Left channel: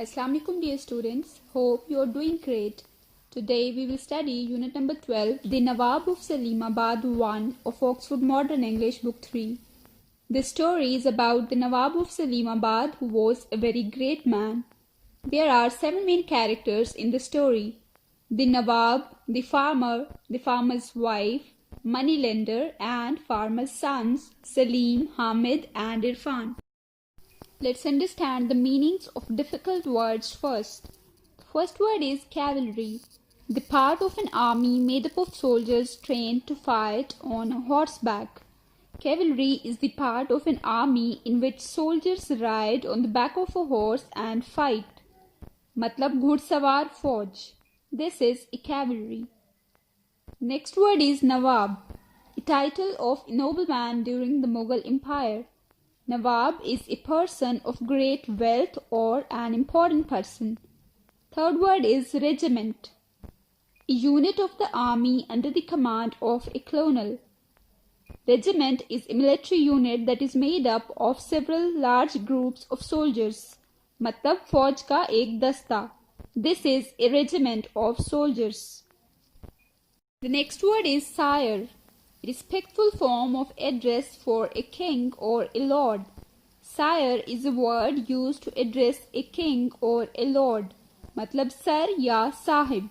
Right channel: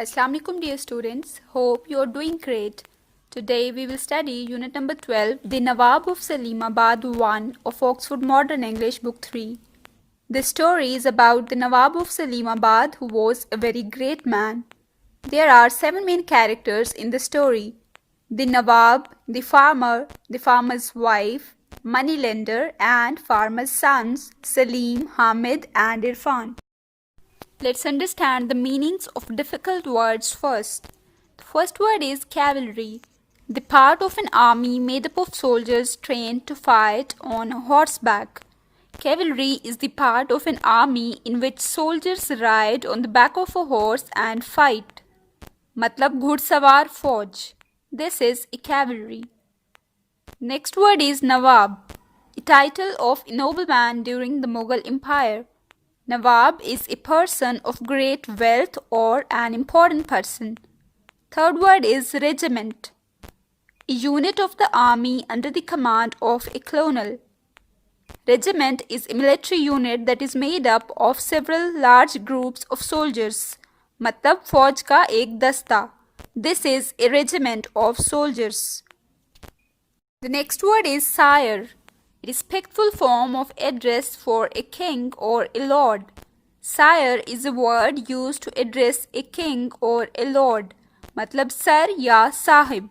Assalamualaikum dear students, hope you are doing great. Today we will study unit number 12, The Nawab of Salimabad 1 of Oxford Modern English book 3. The story is about the Nawab of Salimabad who was a very great man. There are 7 main characters in the story. The Nawab, the farmer's wife, moneylender and farmer's sons Salim, Hamid and Irfan. Let's understand the meanings of difficult words first. The first word is cavalry, the part of an army made up of soldiers trained to fight on horseback. Cavalry is the part of an army in which soldiers ride on the back of a horse and fight. मतलब घुड़सवार फौज. This is a cavalry. Next word is Nawab, a title of a nobleman during the Mughal Empire. Nawab is a person of great wealth or an important person. Third word is regiment, a unit of the army under the command of a colonel. Regiment is a military unit that is made up of several large groups of soldiers. मतलब फौज का एक दस्ता. This is a regiment of soldiers. The next word is sire. It is respectful form of address for a king or a lord. Sire is a word used to address a king or a lord. मतलब sir या sahib.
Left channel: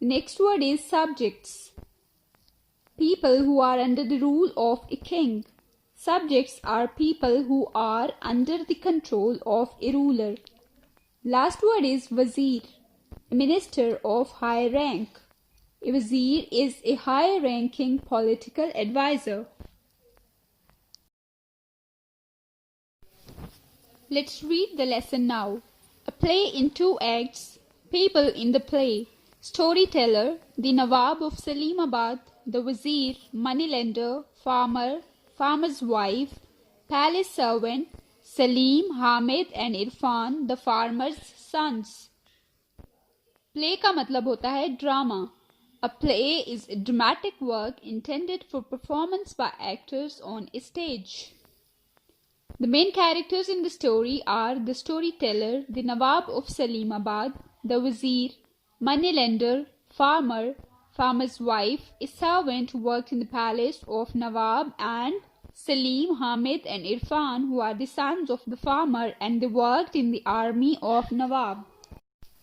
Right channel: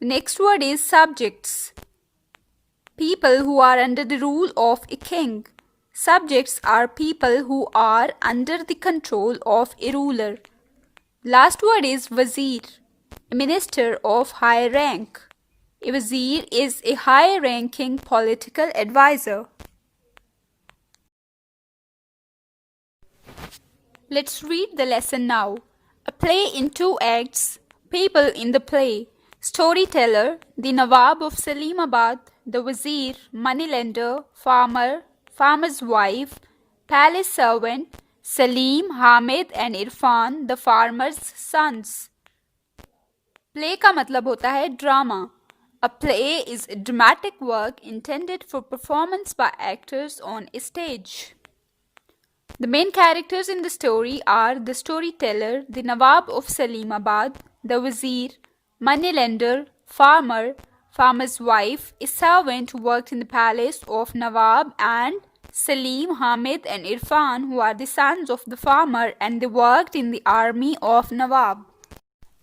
The next word is subjects. People who are under the rule of a king. Subjects are people who are under the control of a ruler. Last word is wazir, a minister of high rank. A wazir is a high-ranking political advisor. Let's read the lesson now. A play in 2 acts. People in the play. Storyteller, the Nawab of Salimabad, the wazir, moneylender, farmer's wife, palace servant, Salim, Hamid and Irfan, the farmer's sons. Play का मतलब होता है drama. A play is a dramatic work intended for performance by actors on a stage. The main characters in the story are the storyteller, the Nawab of Salimabad, the wazir, moneylender, farmer's wife, a servant who worked in the palace of Nawab, and Salim, Hamid and Irfan, who are the sons of the farmer and they worked in the army of Nawab.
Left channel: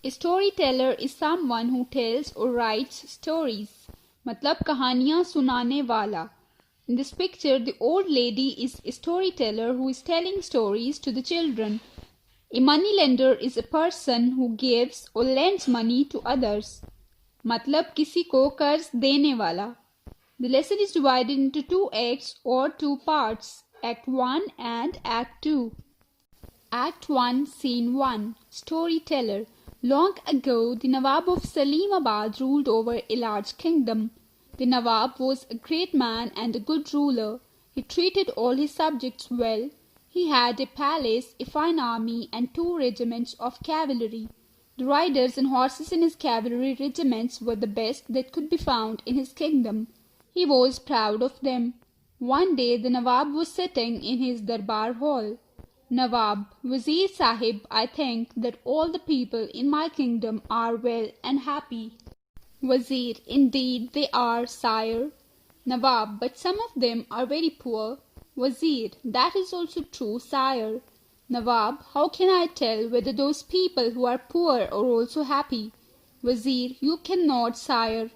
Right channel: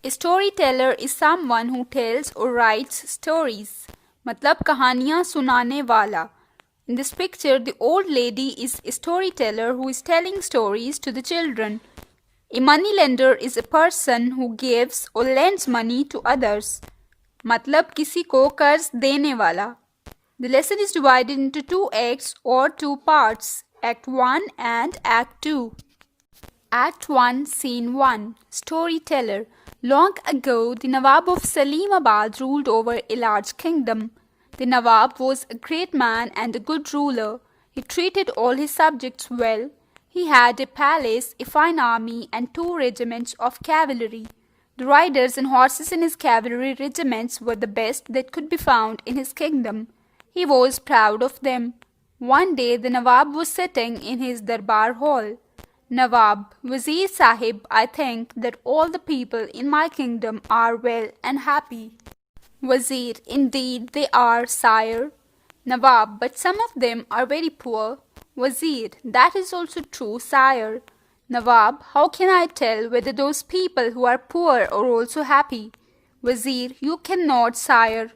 A storyteller is someone who tells or writes stories. मतलब कहानियाँ सुनाने वाला. In this picture, the old lady is a storyteller who is telling stories to the children. A moneylender is a person who gives or lends money to others. मतलब किसी को कर्ज देने वाला. The lesson is divided into 2 acts or 2 parts, Act 1 and Act 2. Act 1, Scene 1, Storyteller. Long ago, the Nawab of Salimabad ruled over a large kingdom. The Nawab was a great man and a good ruler. He treated all his subjects well. He had a palace, a fine army, and 2 regiments of cavalry. The riders and horses in his cavalry regiments were the best that could be found in his kingdom. He was proud of them. One day, the Nawab was sitting in his darbar hall. Nawab, Wazir Sahib, I think that all the people in my kingdom are well and happy. Wazir, indeed they are, sire. Nawab, but some of them are very poor. Wazir, that is also true, sire. Nawab, how can I tell whether those people who are poor are also happy? Wazir, you cannot, sire.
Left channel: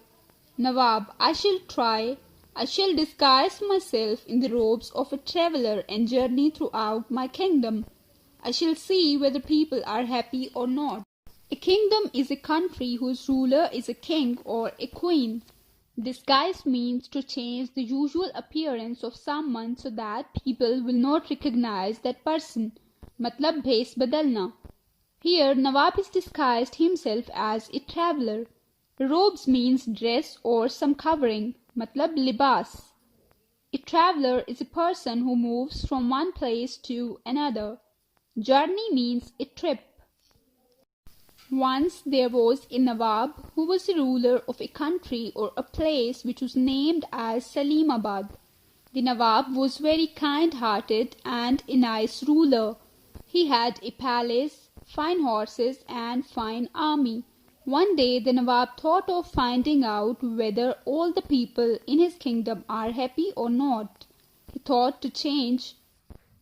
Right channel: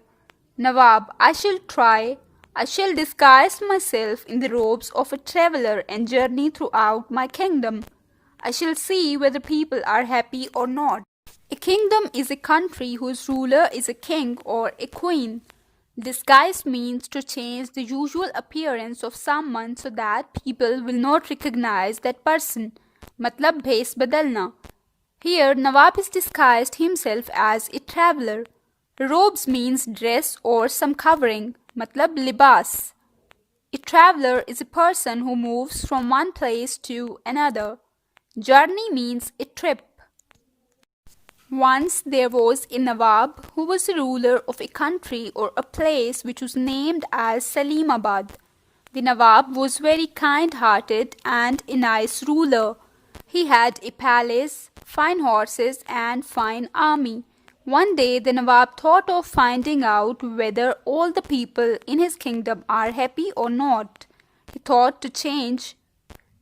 Nawab, I shall try. I shall disguise myself in the robes of a traveller and journey throughout my kingdom. I shall see whether people are happy or not. A kingdom is a country whose ruler is a king or a queen. Disguise means to change the usual appearance of someone so that people will not recognize that person. मतलब भेष बदलना. Here, Nawab is disguised himself as a traveller. Robes means dress or some covering. मतलब libas. A traveller is a person who moves from one place to another. Journey means a trip. Once there was a Nawab who was the ruler of a country or a place which was named as Salimabad. The Nawab was very kind-hearted and a nice ruler. He had a palace, fine horses and fine army. One day the Nawab thought of finding out whether all the people in his kingdom are happy or not. He thought to change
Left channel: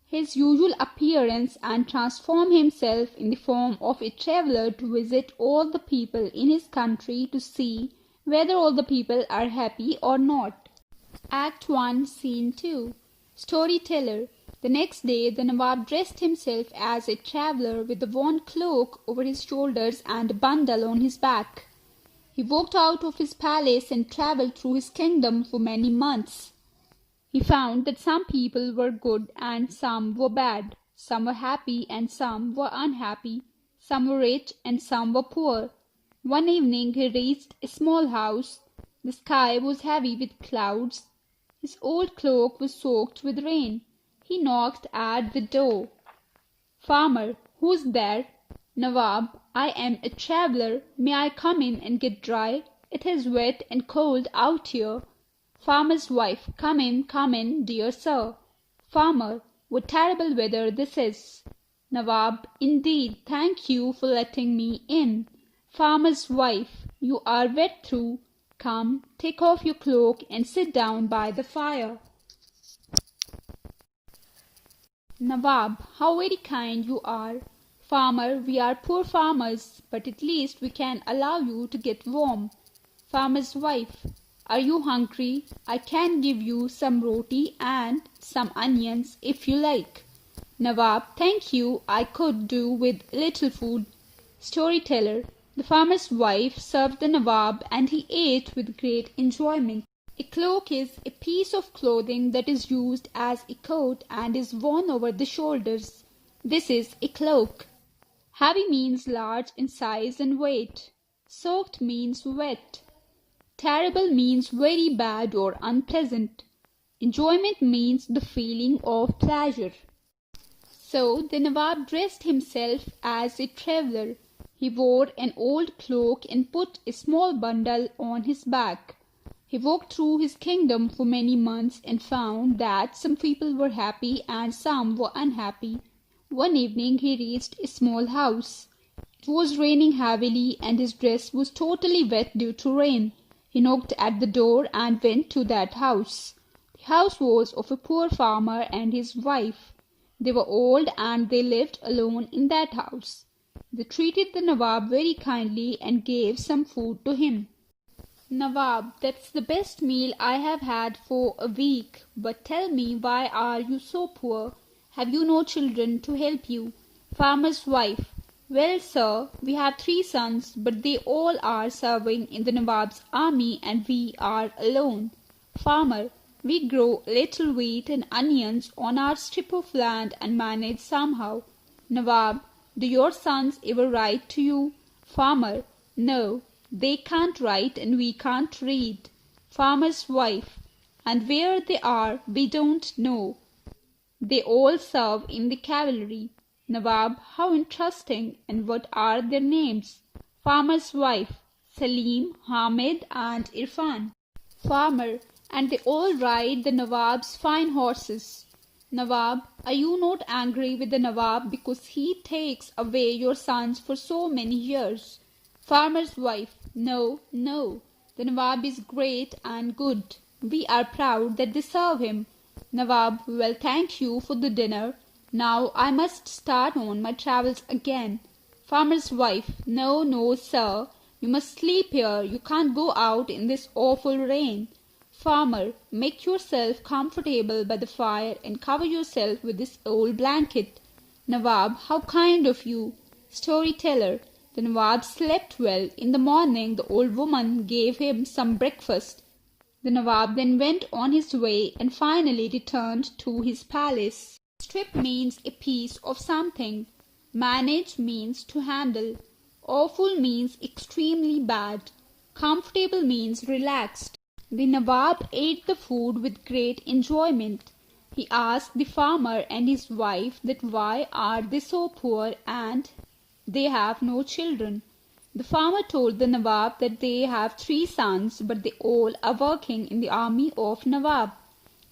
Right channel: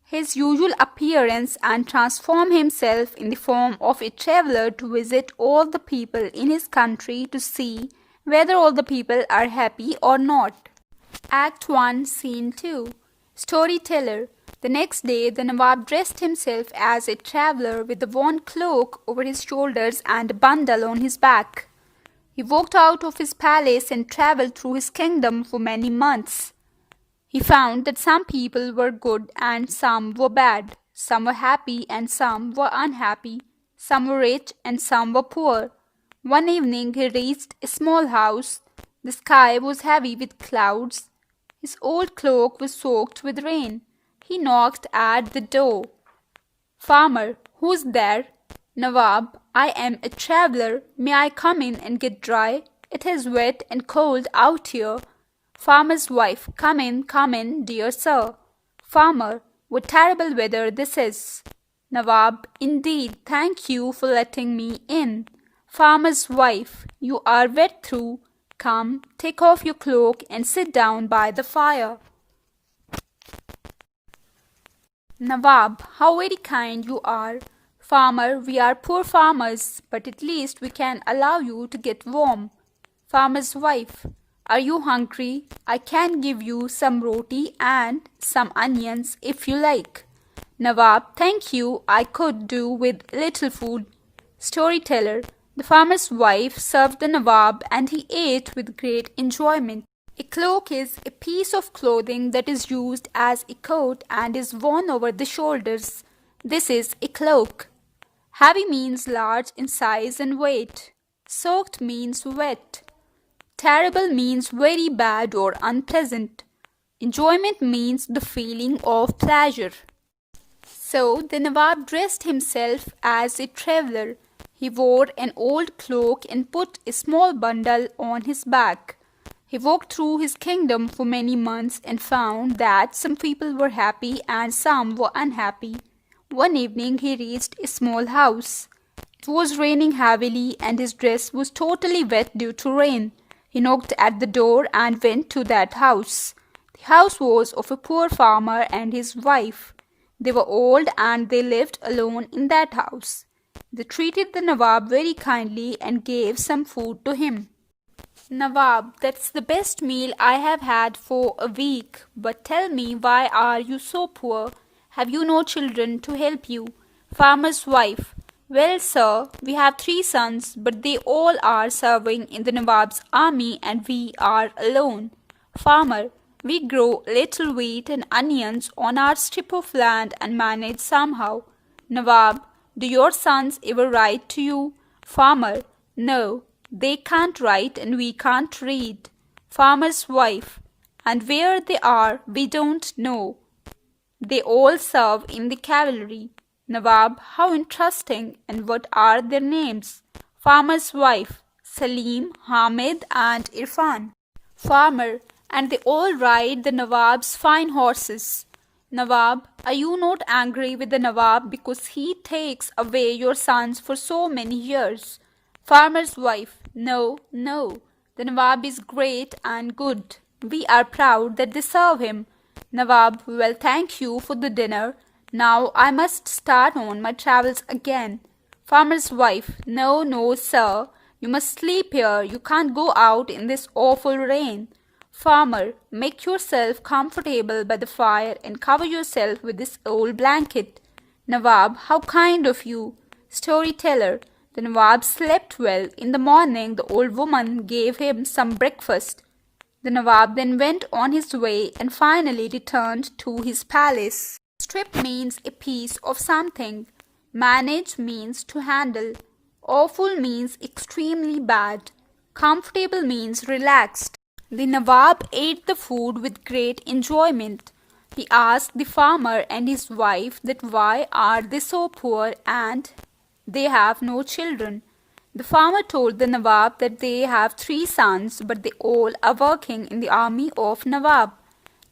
his usual appearance and transform himself in the form of a traveler to visit all the people in his country to see whether all the people are happy or not. Act 1, Scene 2. Storyteller. The next day, the Nawab dressed himself as a traveler with a worn cloak over his shoulders and a bundle on his back. He walked out of his palace and traveled through his kingdom for many months. He found that some people were good and some were bad. Some were happy and some were unhappy. Some were rich and some were poor. One evening he reached a small house. The sky was heavy with clouds. His old cloak was soaked with rain. He knocked at the door. Farmer, who's there? Nawab, I am a traveler. May I come in and get dry? It is wet and cold out here. Farmer's wife, come in, dear sir. Farmer, what terrible weather this is. Nawab, indeed, thank you for letting me in. Farmer's wife, you are wet through. Come, take off your cloak and sit down by the fire. Nawab, how very kind you are. Farmer, we are poor farmers, but at least we can allow you to get warm. Farmer's wife, are you hungry? I can give you some roti and some onions if you like. Nawab, thank you, I could do with little food. Storyteller, the farmer's wife served the Nawab and he ate with great enjoyment. A cloak is a piece of clothing that is used as a coat and is worn over the shoulders. This is a cloak. Heavy means large in size and weight. Soaked means wet. Terrible means very bad or unpleasant. Enjoyment means the feeling of pleasure. So the Nawab dressed himself as a traveler. He wore an old cloak and put a small bundle on his back. He walked through his kingdom for many months and found that some people were happy and some were unhappy. One evening he reached a small house. It was raining heavily and his dress was totally wet due to rain. He knocked at the door and went to that house. The house was of a poor farmer and his wife. They were old and they lived alone in that house. They treated the Nawab very kindly and gave some food to him. Nawab, that's the best meal I have had for a week. But tell me, why are you so poor? Have you no children to help you? Farmer's wife, well, sir, we have 3 sons, but they all are serving in the Nawab's army and we are alone. Farmer, we grow little wheat and onions on our strip of land and manage somehow. Nawab, do your sons ever write to you? Farmer, no. They can't write and we can't read. Farmer's wife, and where they are we don't know. They all serve in the cavalry. Nawab, how interesting, and what are their names? Farmer's wife, Salim, Hamid and Irfan. Farmer, and they all ride the Nawab's fine horses. Nawab, are you not angry with the Nawab because he takes away your sons for so many years? Farmer's wife, no, no. The Nawab is great and good. We are proud that they serve him. Nawab, well, thank you for the dinner. Now I must start on my travels again. Farmer's wife, no, no, sir. You must sleep here. You can't go out in this awful rain. Farmer, make yourself comfortable by the fire and cover yourself with this old blanket. Nawab, how kind of you. Storyteller, the Nawab slept well. In the morning, the old woman gave him some breakfast. The Nawab then went on his way and finally returned to his palace. Strip means a piece of something. Manage means to handle. Awful means extremely bad. Comfortable means relaxed. The Nawab ate the food with great enjoyment. He asked the farmer and his wife that why are they so poor and they have no children. The farmer told the Nawab that they have 3 sons, but they all are working in the army of Nawab.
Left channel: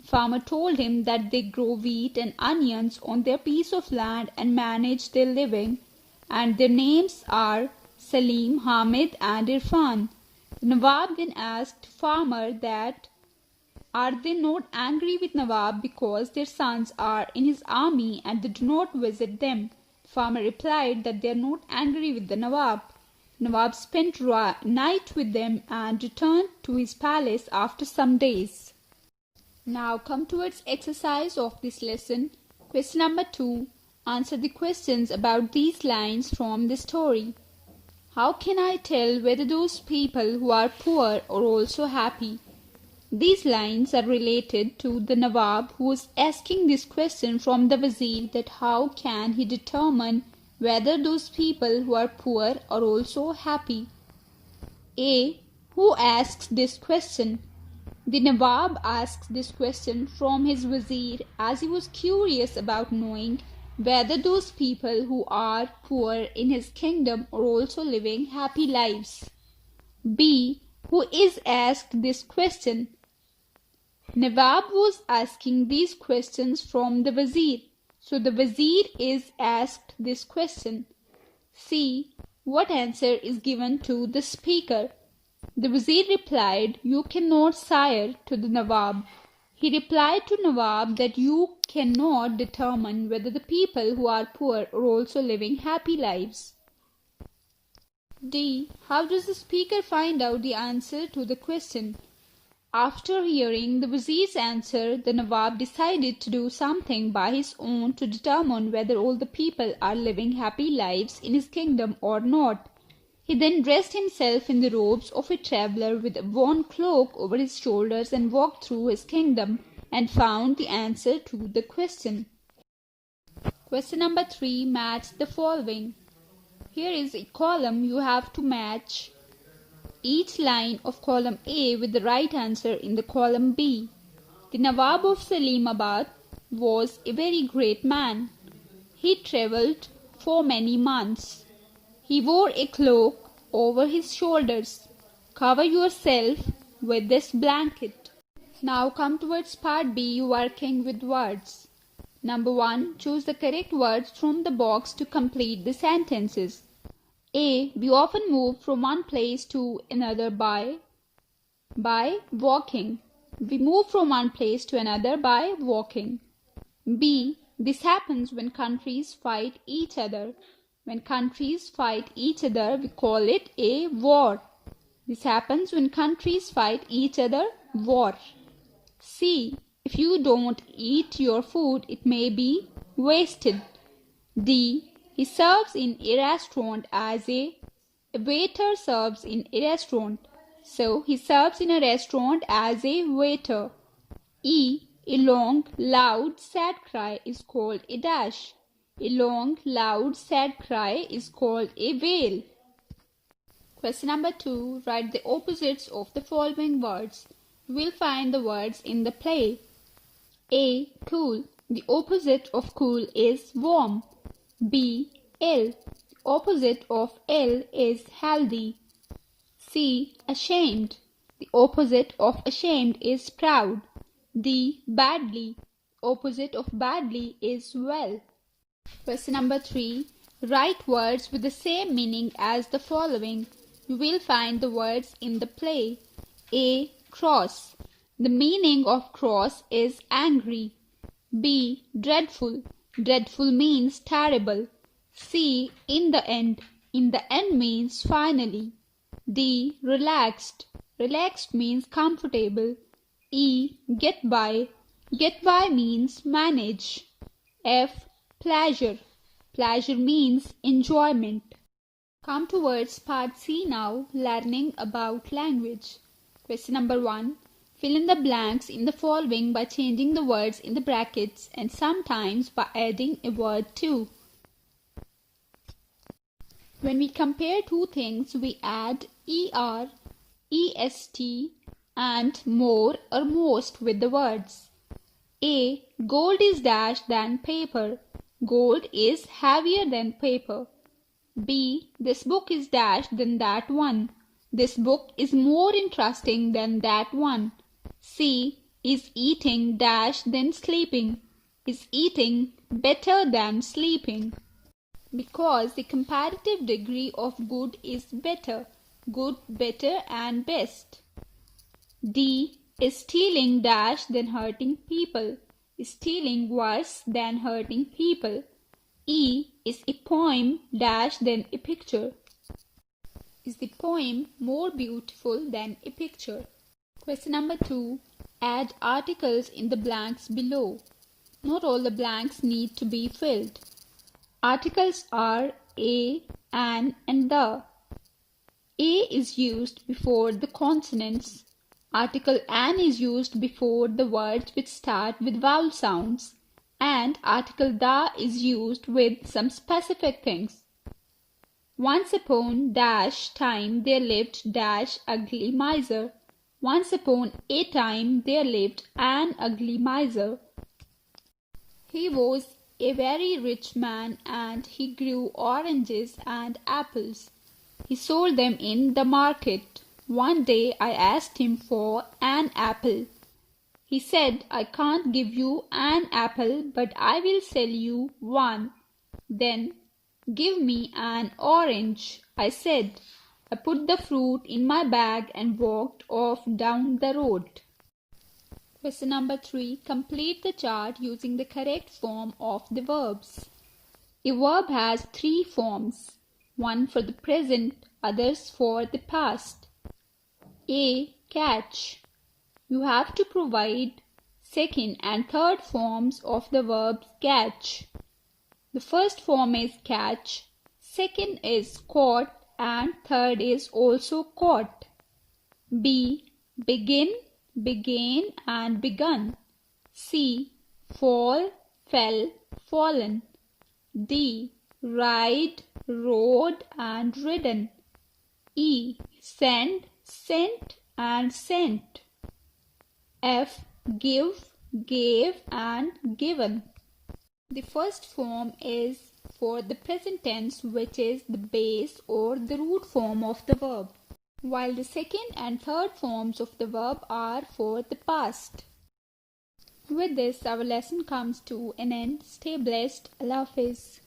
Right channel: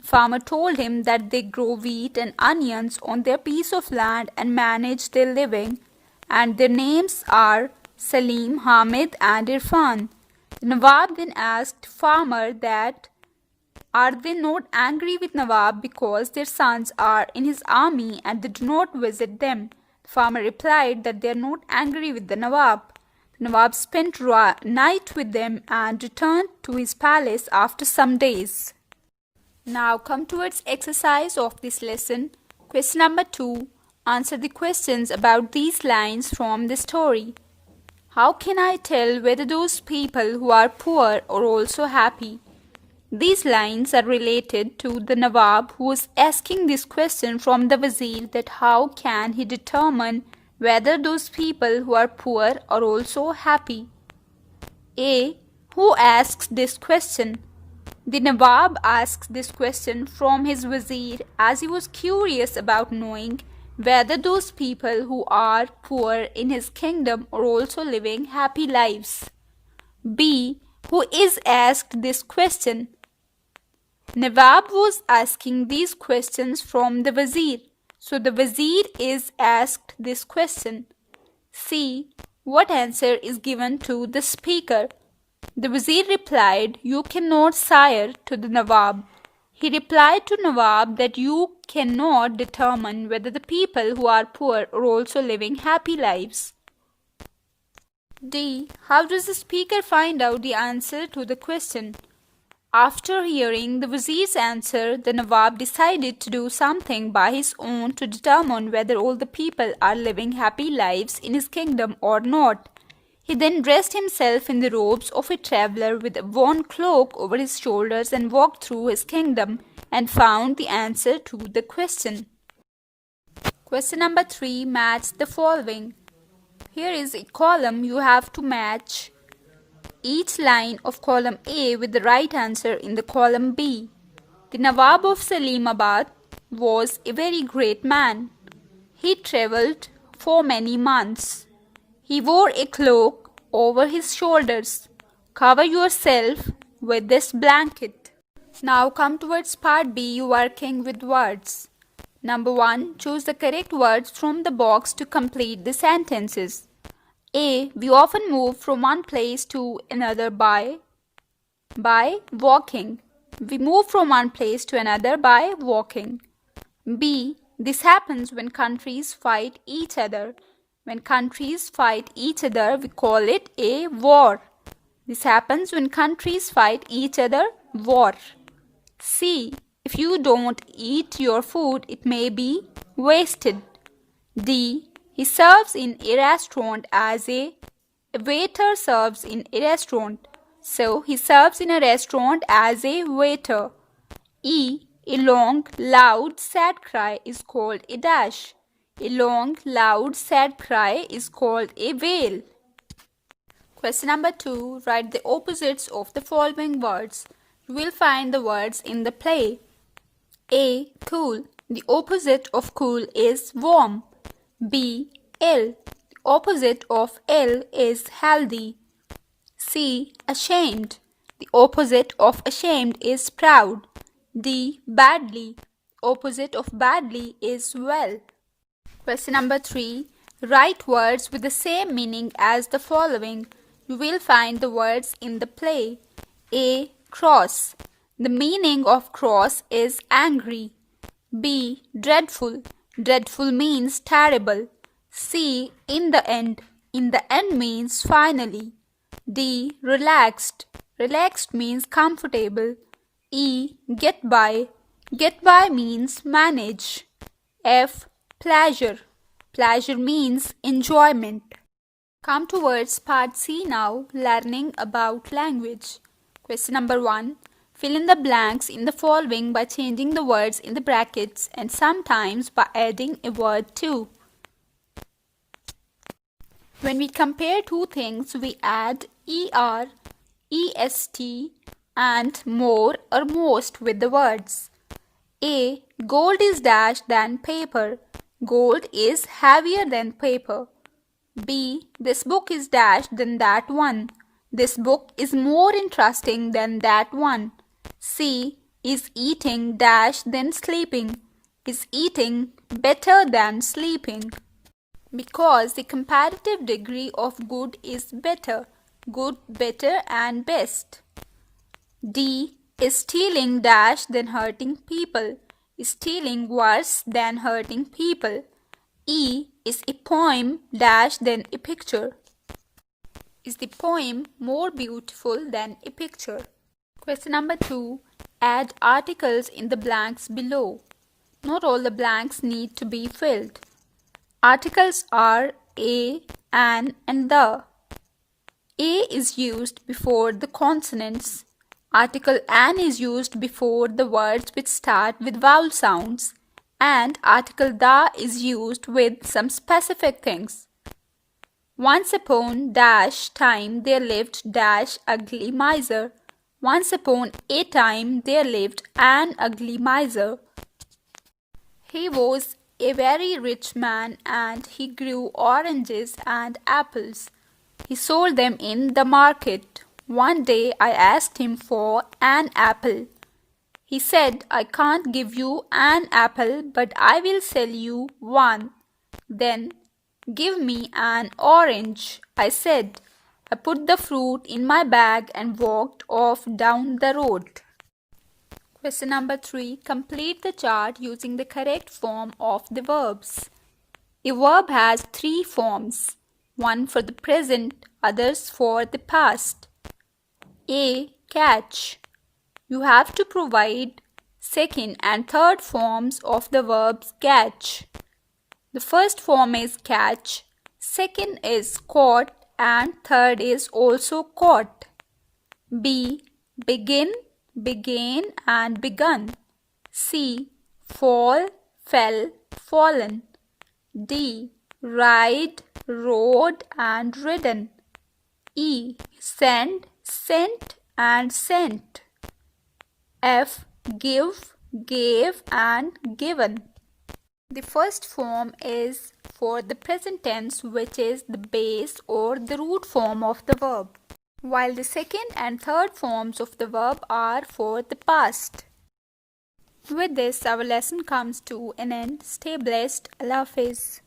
The farmer told him that they grow wheat and onions on their piece of land and manage their living. and their names are Salim, Hamid and Irfan. The Nawab then asked farmer that are they not angry with Nawab because their sons are in his army and they do not visit them? The farmer replied that they are not angry with the Nawab. The Nawab spent night with them and returned to his palace after some days. Now come towards exercise of this lesson. Question number 2. Answer the questions about these lines from the story. How can I tell whether those people who are poor are also happy? These lines are related to the Nawab who is asking this question from the Wazir that how can he determine whether those people who are poor are also happy. A. Who asks this question? The Nawab asks this question from his Wazir as he was curious about knowing whether those people who are poor in his kingdom are also living happy lives. B. Who is asked this question? Nawab was asking these questions from the Wazir, so the Wazir is asked this question. C. What answer is given to the speaker? The Wazir replied, "You cannot, sire," to the Nawab. He replied to Nawab that you cannot determine whether the people who are poor are also living happy lives. D. How does the speaker find out the answer to the question? After hearing the Wazir's answer, the Nawab decided to do something by his own to determine whether all the people are living happy lives in his kingdom or not. He then dressed himself in the robes of a traveler with a worn cloak over his shoulders and walked through his kingdom and found the answer to the question. Question number 3. Match the following. Here is a column. You have to match each line of column A with the right answer in the column B. The Nawab of Salimabad was a very great man. He travelled for many months. He wore a cloak over his shoulders. Cover yourself with this blanket. Now come towards part B, working with words. Number 1. Choose the correct words from the box to complete the sentences. A. We often move from one place to another by walking. We move from one place to another by walking. B. This happens when countries fight each other. When countries fight each other, we call it a war. This happens when countries fight each other, war. C. If you don't eat your food, it may be wasted. D. He serves in a restaurant as a waiter serves in a restaurant. So, he serves in a restaurant as a waiter. E. A long, loud, sad cry is called a dash. A long, loud, sad cry is called a wail. Question number 2. Write the opposites of the following words. You will find the words in the play. A. Cool. The opposite of cool is warm. B. Ill. The opposite of ill is healthy. C. Ashamed. The opposite of ashamed is proud. D. Badly. The opposite of badly is well. Question number 3. Write words with the same meaning as the following. You will find the words in the play. A. Cross. The meaning of cross is angry. B. Dreadful. Dreadful means terrible. C. In the end. In the end means finally. D. Relaxed. Relaxed means comfortable. E. Get by. Get by means manage. F. Pleasure. Pleasure means enjoyment. Come towards part C now, learning about language. Question number 1. Fill in the blanks in the following by changing the words in the brackets and sometimes by adding a word too. When we compare two things, we add er, est and more or most with the words. A. Gold is dash than paper. Gold is heavier than paper. B. This book is dash than that one. This book is more interesting than that one. C. Is eating dash than sleeping. Is eating better than sleeping. because the comparative degree of good is better. Good, better and best. D is stealing dash than hurting people. Stealing worse than hurting people. E is a poem dash than a picture. Is the poem more beautiful than a picture? Question number 2. Add articles in the blanks below. Not all the blanks need to be filled. Articles are a, an and the. A is used before the consonants. Article an is used before the words which start with vowel sounds. And article the is used with some specific things. Once upon dash time there lived dash ugly miser. Once upon a time there lived an ugly miser. He was a very rich man and he grew oranges and apples. He sold them in the market. One day I asked him for an apple. He said, I can't give you an apple, but I will sell you one. Then, give me an orange, I said. I put the fruit in my bag and walked off down the road. Question number 3. Complete the chart using the correct form of the verbs. A verb has 3 forms. One for the present, others for the past. A. Catch. You have to provide second and third forms of the verbs catch. The first form is catch, second is caught, and third is also caught. B. Begin, began and begun. C. Fall, fell, fallen. D. Ride, rode and ridden. E. Send, sent and sent. F. Give, gave and given. The first form is for the present tense, which is the base or the root form of the verb, while the second and third forms of the verb are for the past. With this, our lesson comes to an end. Stay blessed. Allah Hafiz.